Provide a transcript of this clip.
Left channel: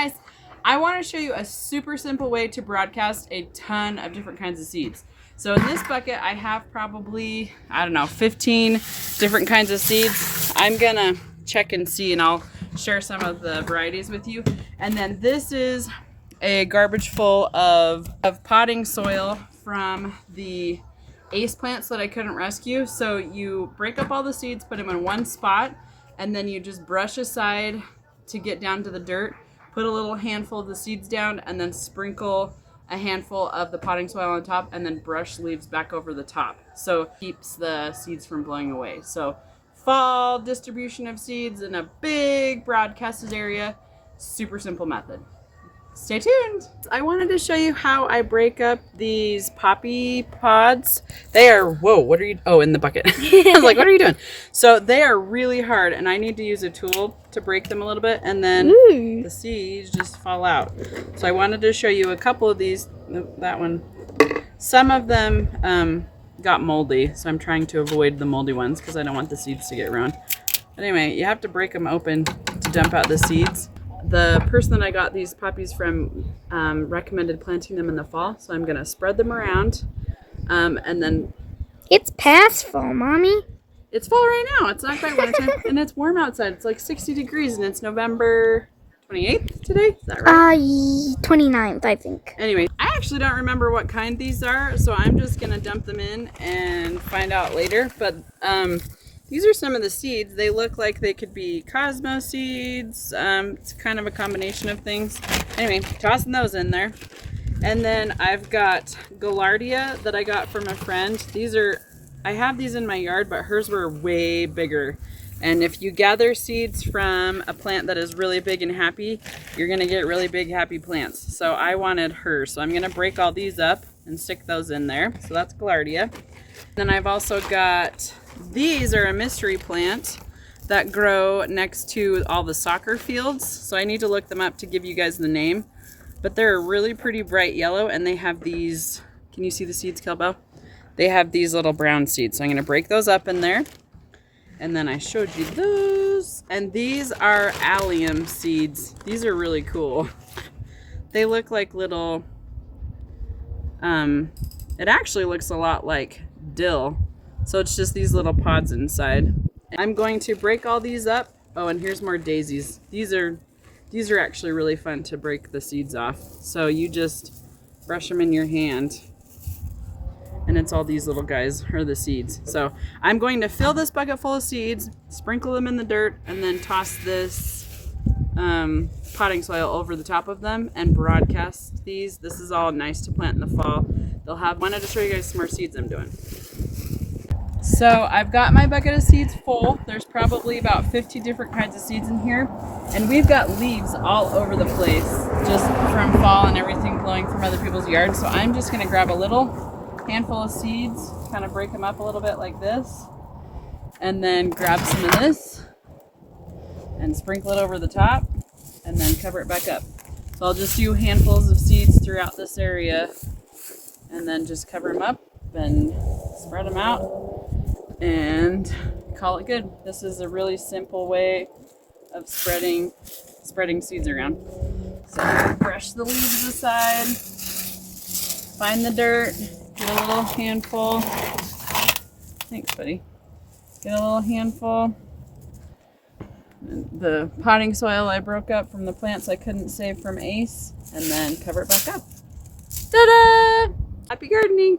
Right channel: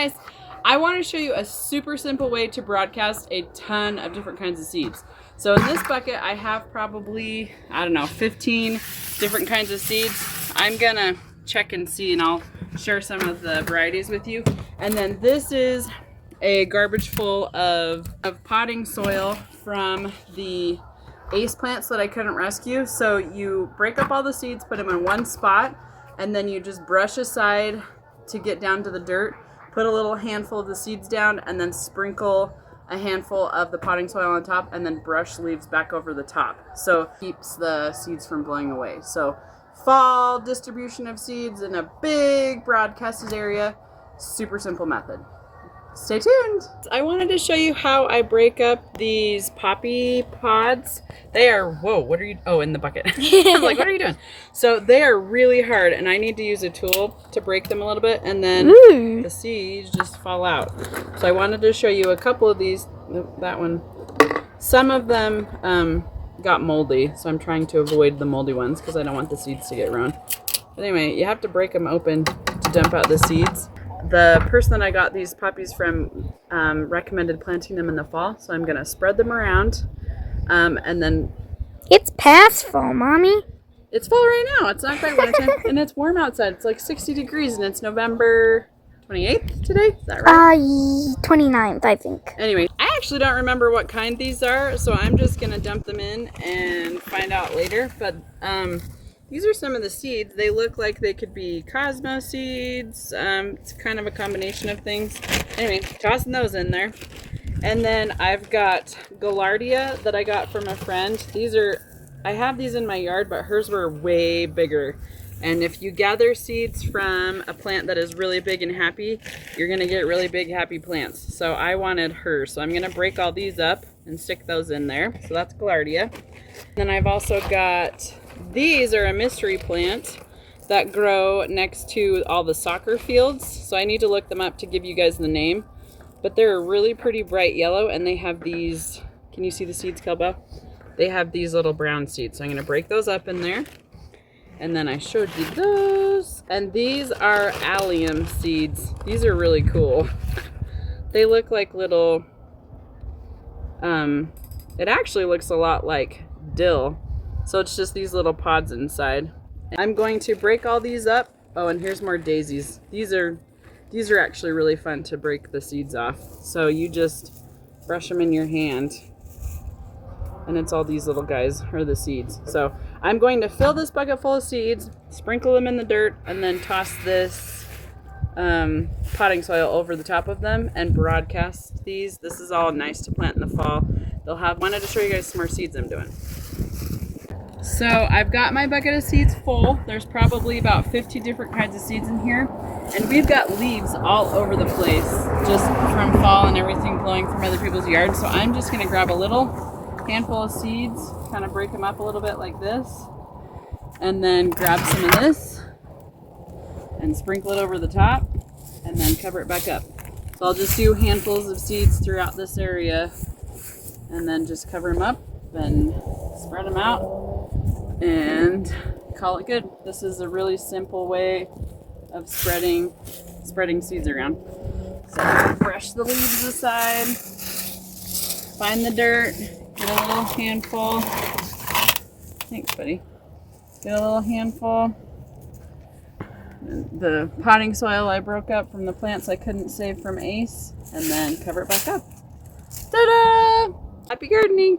guys, I want to show you a super simple way to broadcast a ton of different kinds of seeds. So in this bucket I have probably, I don't know, 15 different kinds of seeds. I'm gonna check and see, and I'll share some of the varieties with you. And then this is a garbage full of potting soil from the ace plants that I couldn't rescue. So you break up all the seeds, put them in one spot, and then you just brush aside to get down to the dirt, put a little handful of the seeds down, and then sprinkle a handful of the potting soil on top, and then brush leaves back over the top. So it keeps the seeds from blowing away. So fall distribution of seeds in a big broadcasted area, super simple method. Stay tuned. I wanted to show you how I break up these poppy pods. They are, whoa, what are you, oh, in the bucket. I was like, what are you doing? So they are really hard, and I need to use a tool to break them a little bit, and then the seeds just fall out. So I wanted to show you a couple of these. That one. Some of them got moldy, so I'm trying to avoid the moldy ones because I don't want the seeds to get ruined. But anyway, you have to break them open to dump out the seeds. The person that I got these poppies from recommended planting them in the fall, so I'm gonna spread them around, and then it's past fall, Mommy. It's fall right now. It's not quite winter, and it's warm outside. It's like 60 degrees, and it's November 28th today. Is that right? 29th, I think. Anyway, I actually don't remember what kind these are, so I'm just gonna dump them in and find out later. But these are some of the seeds. They look like they could be Cosmo seeds. It's kind of a combination of things. Anyway, tossing those in there. And then I've got Gaillardia that I got from a friend. I have these in my yard, but hers were way bigger. And if you gather seeds from a plant that is really big and happy, you're gonna get really big, happy plants. So I wanted hers. So I'm gonna break all these up and stick those in there. So that's Gaillardia. Then I've also got, these are a mystery plant that grow next to all the soccer fields. So I need to look them up to give you guys the name. But they're really pretty bright yellow, and they have these, can you see the seeds, Kelbo? They have these little brown seeds. So I'm gonna break those up in there. And then I showed you those. And these are allium seeds. These are really cool. They look like little, it actually looks a lot like dill. So it's just these little pods inside. I'm going to break all these up. Oh, and here's more daisies. These are actually really fun to break the seeds off. So you just brush them in your hand, and it's all these little guys are the seeds. So I'm going to fill this bucket full of seeds, sprinkle them in the dirt, and then toss this potting soil over the top of them and broadcast these. This is all nice to plant in the fall. Wanted to show you guys some more seeds I'm doing. So I've got my bucket of seeds full. There's probably about 50 different kinds of seeds in here. And we've got leaves all over the place, just from fall and everything blowing from other people's yards. So I'm just gonna grab a little handful of seeds, kind of break them up a little bit like this, and then grab some of this and sprinkle it over the top, and then cover it back up. So I'll just do handfuls of seeds throughout this area, and then just cover them up and spread them out and call it good. This is a really simple way of spreading seeds around. So brush the leaves aside, find the dirt, get a little handful. Thanks, buddy. Get a little handful. And the potting soil I broke up from the plants I couldn't save from Ace, and then cover it back up. Ta-da! Happy gardening!